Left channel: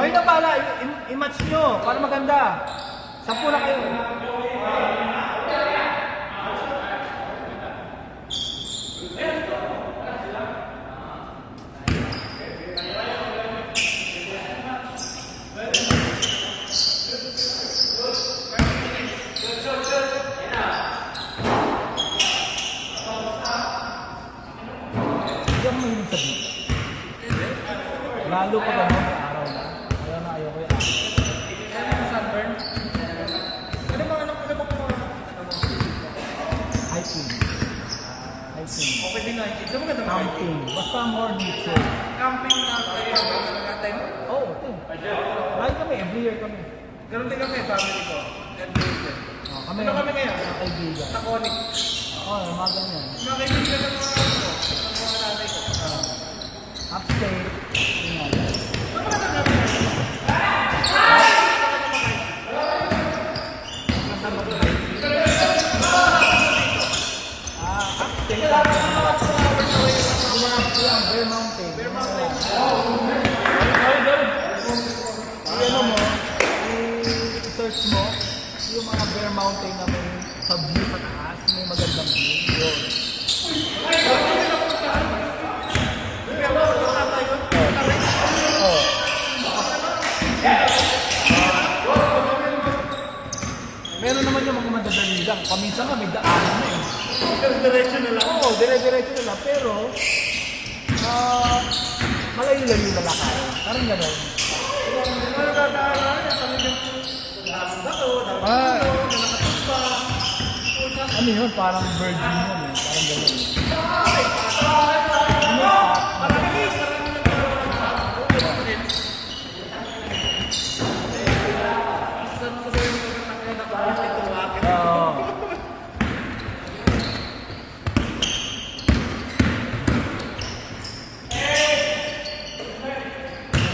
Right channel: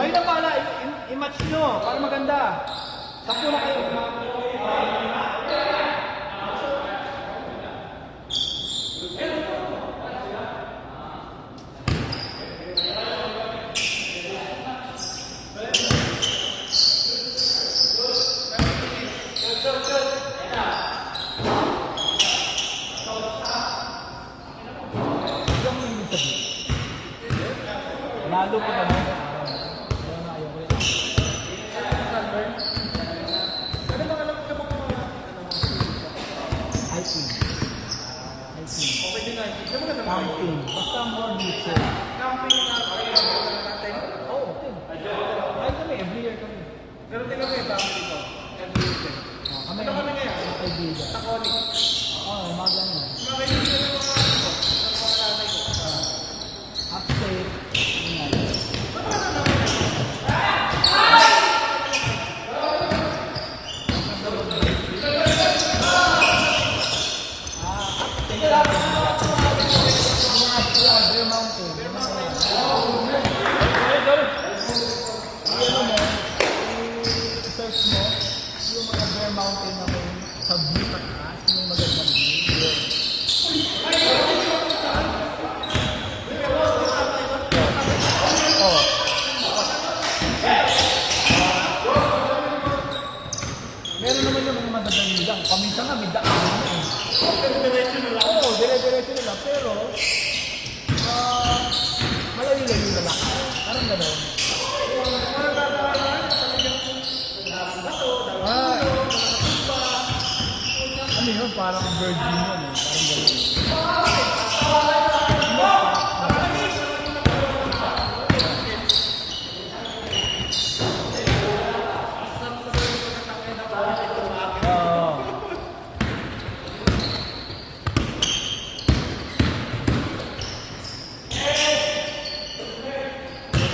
Kayo na pala, i-match nyo para maganda. 10 na kayo. Lalo pa ba mo? Kaya nga ayaw ko yan. Sunburn? Ano ba? Hiking. Okay din na hiking. Camping. Basta more nature. Camping na kayo natin? Oo, okay. Kahit kami, every year kami. Ganun din kami, family ko. Every year. Ano kami ngayon? Mga kaibigan. Nakonic. Oo, mga ganyan. Mga kaibigan ng mga nanay ko. Upstate. Search mo yung mga Bear Mountain na may sa view sa taas, may magandang view. Yun. Oh. Meron naman yung mga madadali lang. Paminsan nga may daan na eh. Dire-diretso nila. Oo, dire-diretso nila. Pero, malayo-layo na lang. Parang gano'n. Ano yun? Parang virgin yun eh. Parang gano'n.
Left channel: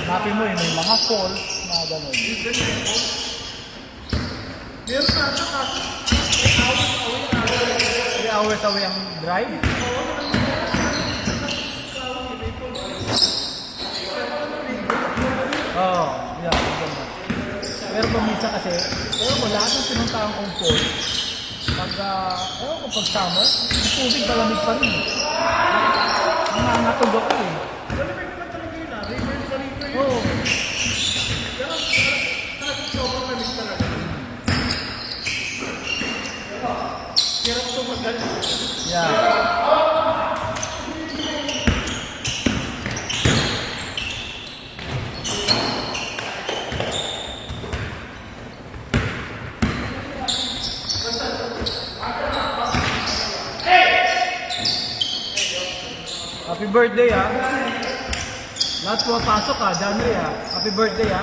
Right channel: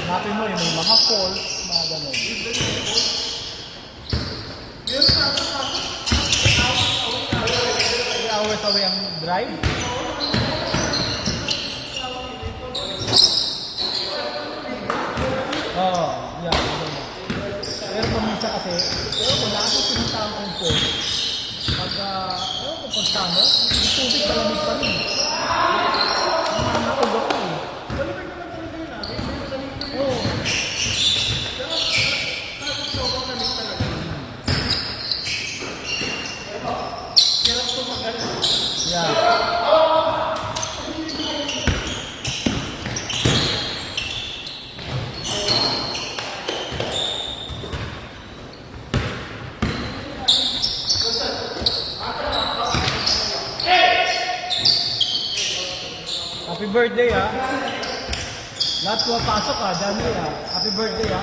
Hanapin mo yun, may mga falls na gano'n. Meron ka ito ka? 3 hours away ang drive? Oo, yeah, gano'n. Pero paminsan kasi, kung lahat ng pinunta ang umpon, pag summer, yung tubig malamig pa rin. Ang natugok ko eh. Oo. Yeah. Happy birthday ha. Lahat pumapasok ha, dami ha. Happy birthday ha.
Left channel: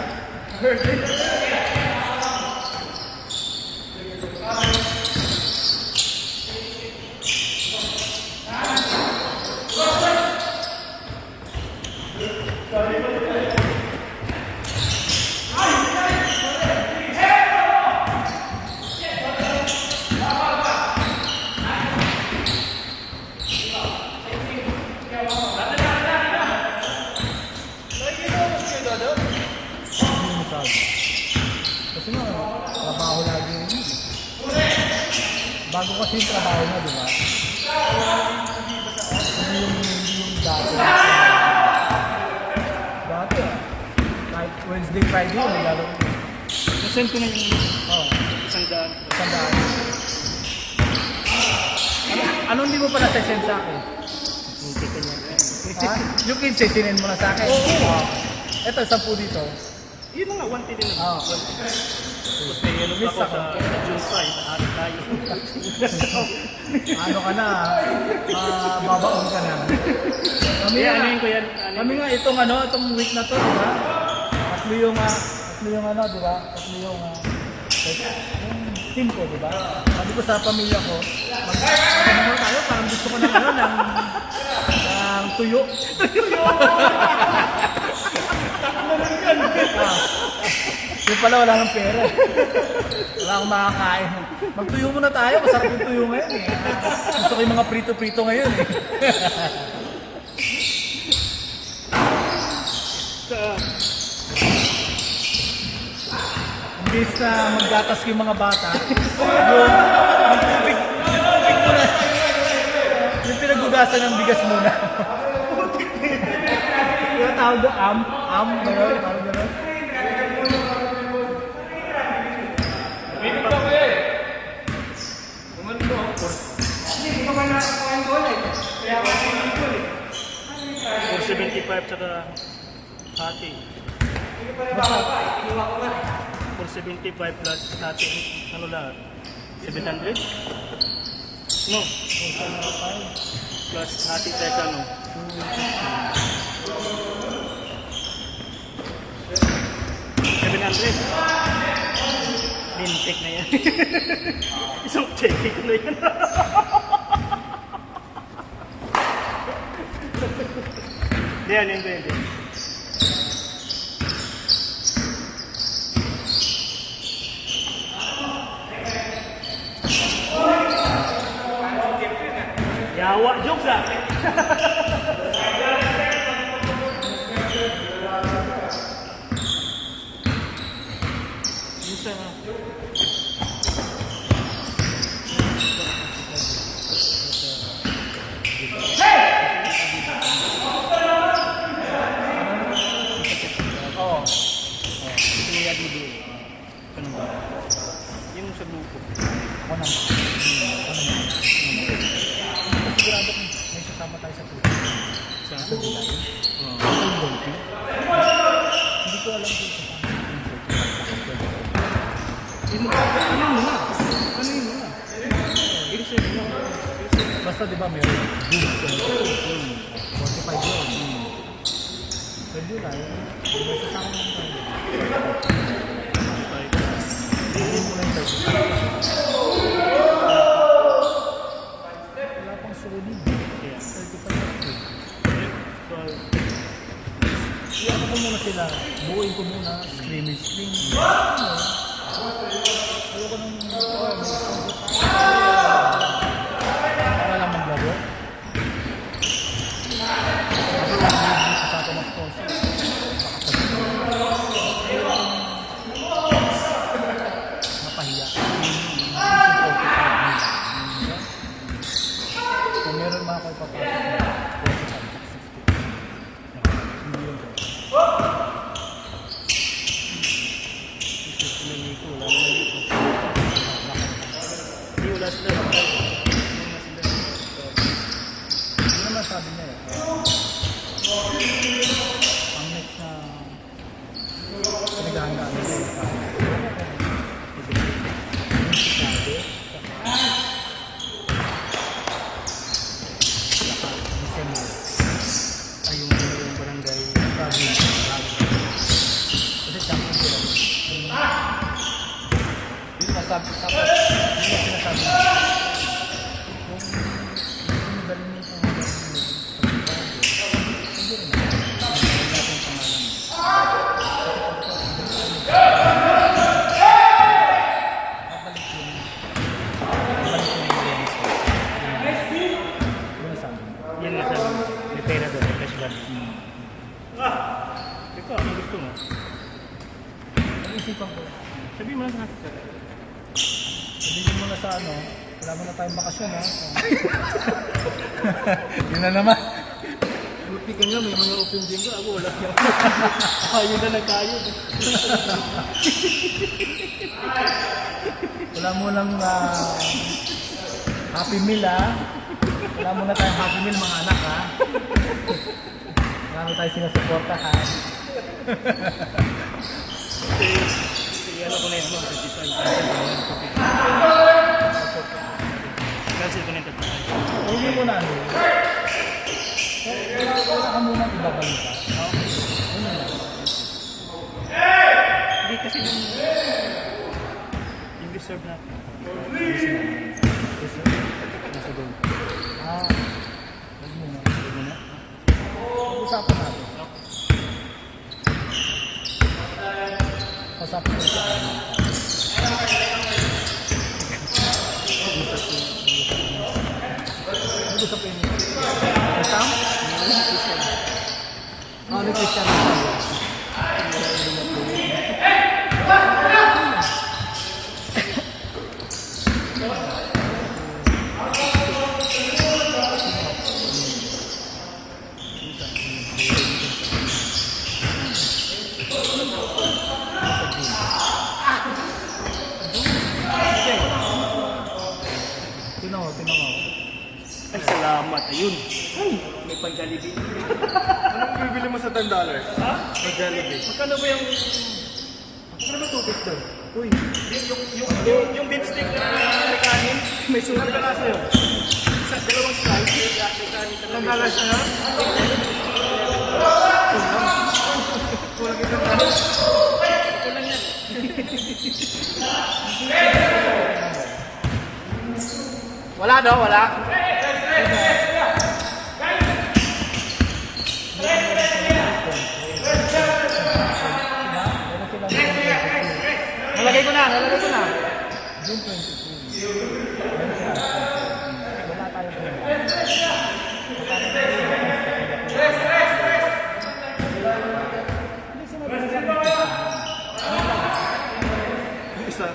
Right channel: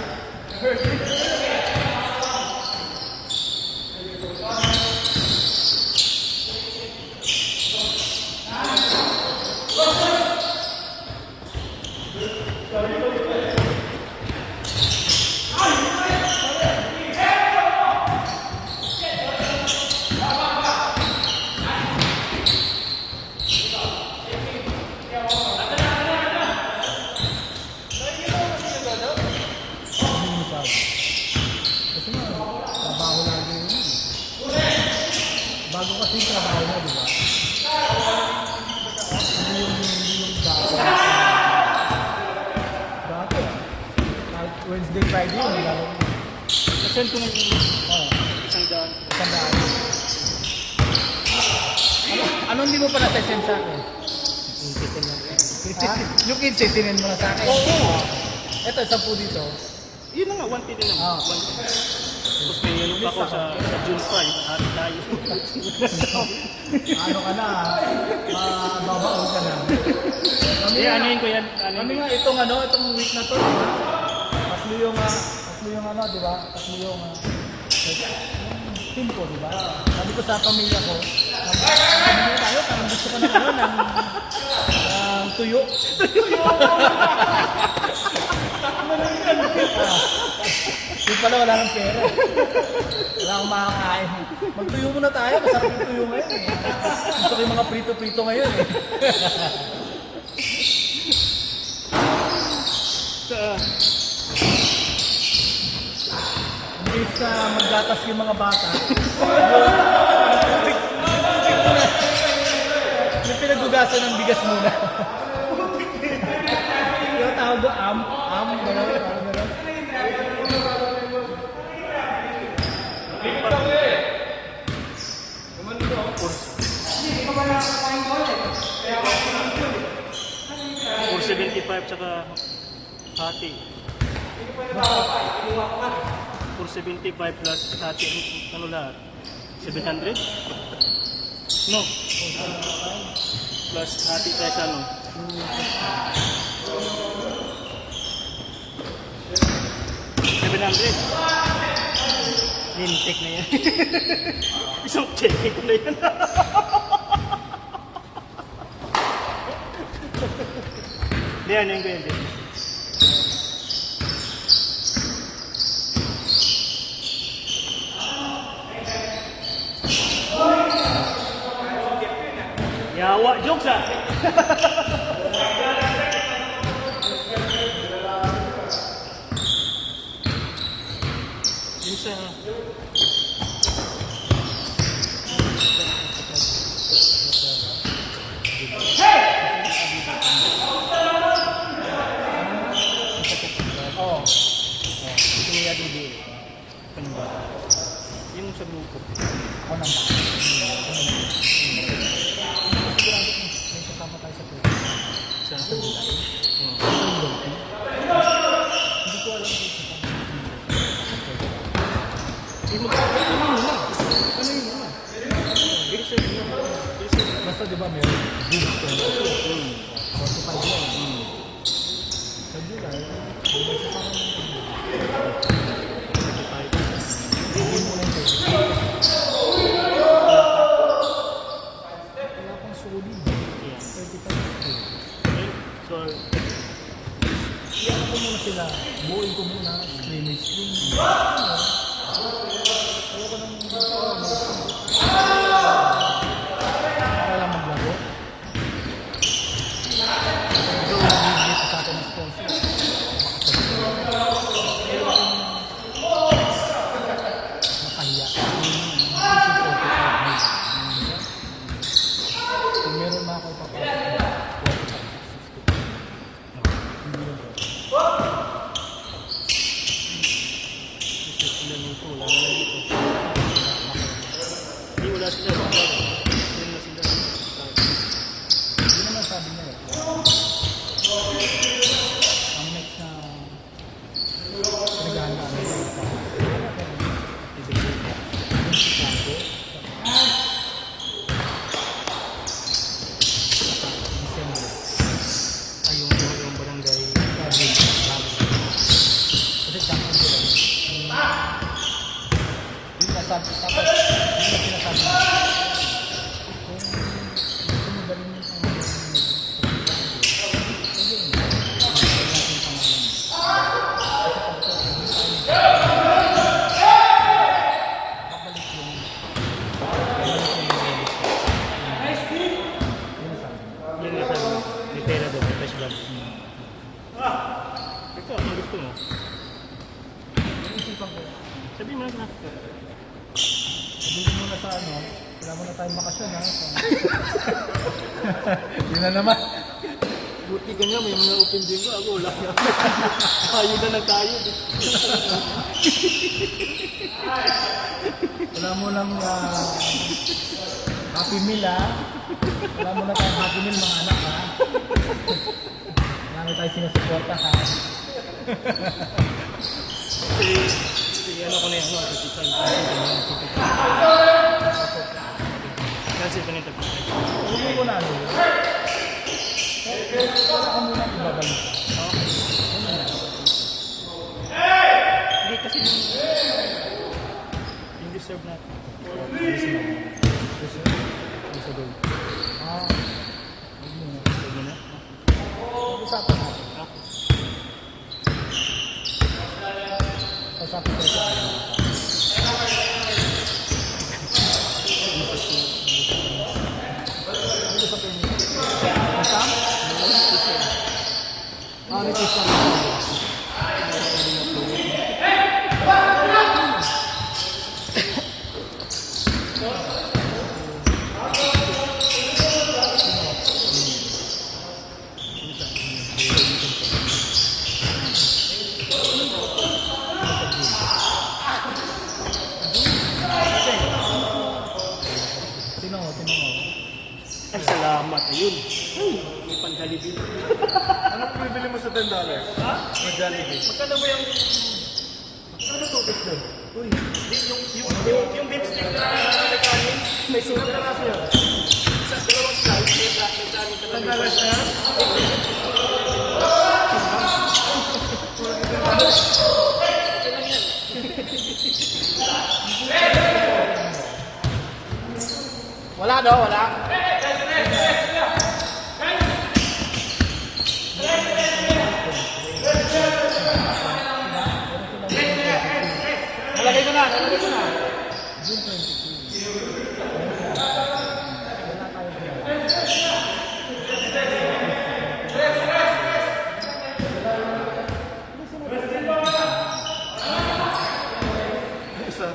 Kasi nga, trabaho lagi yun. Bago kasi yung trabaho na, di ba? Hindi yung dati. Dati ah. Kahit Wednesday, Friday yun, naglalaro. Nasend ko na yung isang daan. Ano hindi mo pa na-send sa akin? Yung kids, sinend mo na sa akin. Ito, 10 dito. Yun na nga, 1 din naman. Tapos may ano pa ako sa June 5, nakarit tayo. Ano ka na, babaon ka na. Ano yun ko yan? Kami nga, itong week na to, tatlo yung ano, di ba? Tatlo yung team ko, di ba? Sabi ko sa pamilya ko, mag-ano tayo, parang gusto ko ng ano, ng tuyo. Yung pala wala ng pera. Wala akong makakain. Magtuyo muna tayo, masarap yung tuyo ngayon eh. Gusto ko yung mga prito-prito ngayon eh. Imbis na magdatas yung mga bata, yung pinagugasan ng bigas muna. Yung tawag doon, gano'n, parang gano'n. Hindi ko ba nakakuha yung goal eh. Kaya ako yung goal eh. 475 tsaka hati. 475 plus hati. Ano lahat? 700? No. Plus hati kaya ano? 700. Lintik na yan. Isang check ko na yan. Diyan yung pwede. Yawa jokes ah. Minsan yung sa grupo. May kasama tayo sa tuyo. Sa? Hindi ko alam kung kasama. Ano yun na? Ano yun na? Ilisan yun. Basta di ba may boom kung 45 yun. Sa July, may kasama naman. Hindi mo lang tayo. Wala pang sulit. 35 yun. So, Iyan ko muna sila. Buuin ko muna. Scrimmage. Ayaw ko nang wala maglaro. Sa atin ng sponsor. Napahiya. Kung meron mga kayo papasok na 45, 60. Hindi yun. sila nito, wala naman dito. Hindi, wala sila. Wala sila. Hindi naman sabi niya eh. Ang next na pinaganda ano yun pa. Ayun yung barangay. Kasi champion sila yun. Hindi na sabi, tapos hindi na sinasabi niya. Kung gusto mo dalhin niya ang hindi rin. Hindi natin pangalan. Kasi pagka babalik yun. Yun sabi niya. Yan nga sabi. May pera doon, may cash bag. Ikaw, anong gusto mo? Naisipan ko. Sabihin mo lang sa akin. Sabihin mo na sa ano, wala mo na tayong bakasyon ha. Yun na naman. Buti ka nga, may mga open gym ko. Ako wala na. Ayaw na lang tayo. Wala mo nang happy meal ha. Wala mo na tayong happy meal mga anak ha. Marami tayo sinasuporta ha. Sige, ano ko na yun. Cancel ko na yung 35. Hindi mo na ano. Saan mo na ibabalik ka? Hindi kasi yung reserve natin. Ito doon. Ah. Huwag mo na. Huwag mo na. Usapan natin. Usapan natin. Ay, salamat. Ayun. May pang-Jollibee. Anong bibili mo sa $10? May Jollibee. Magkano ba yung... Ano tubig doon? Uy, Yung beef stick na kanin, may sulat ka na sa'yo. Sa dalawang slice, may kanin ka na. Ang balas na yun? Wala daw, wala. Nalagay ko na. Isa.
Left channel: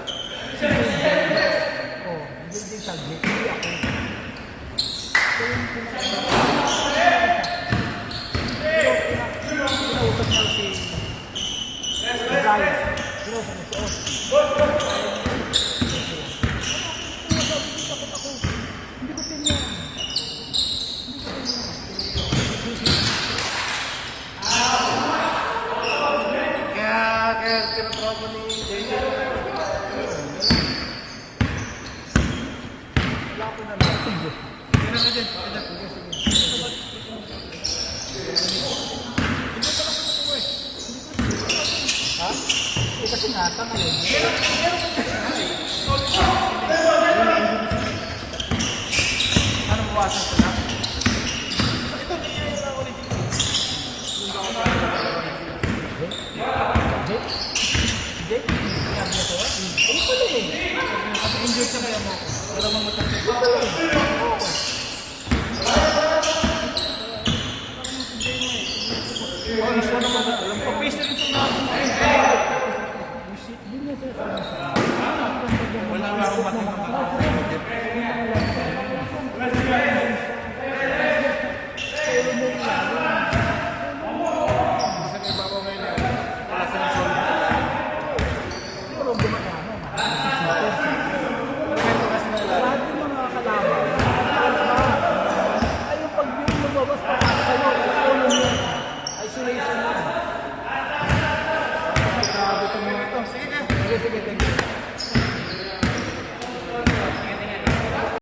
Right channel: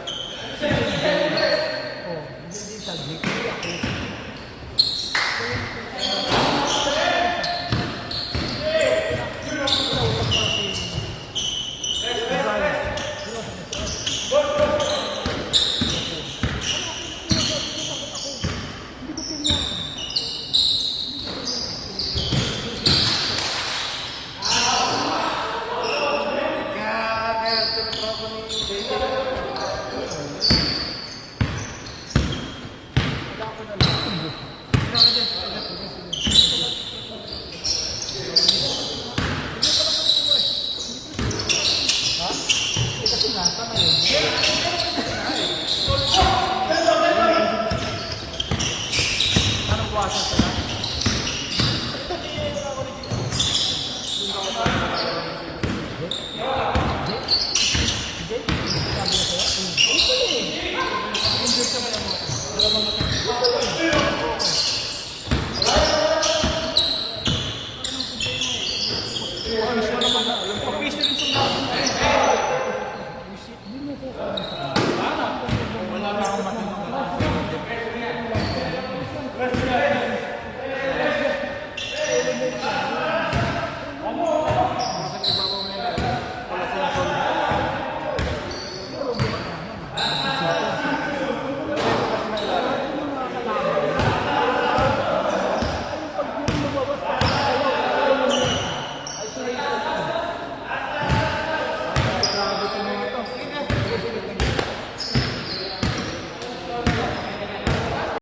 kasi nata na yun. Anong klase ko na? Enjoy ka mo yan.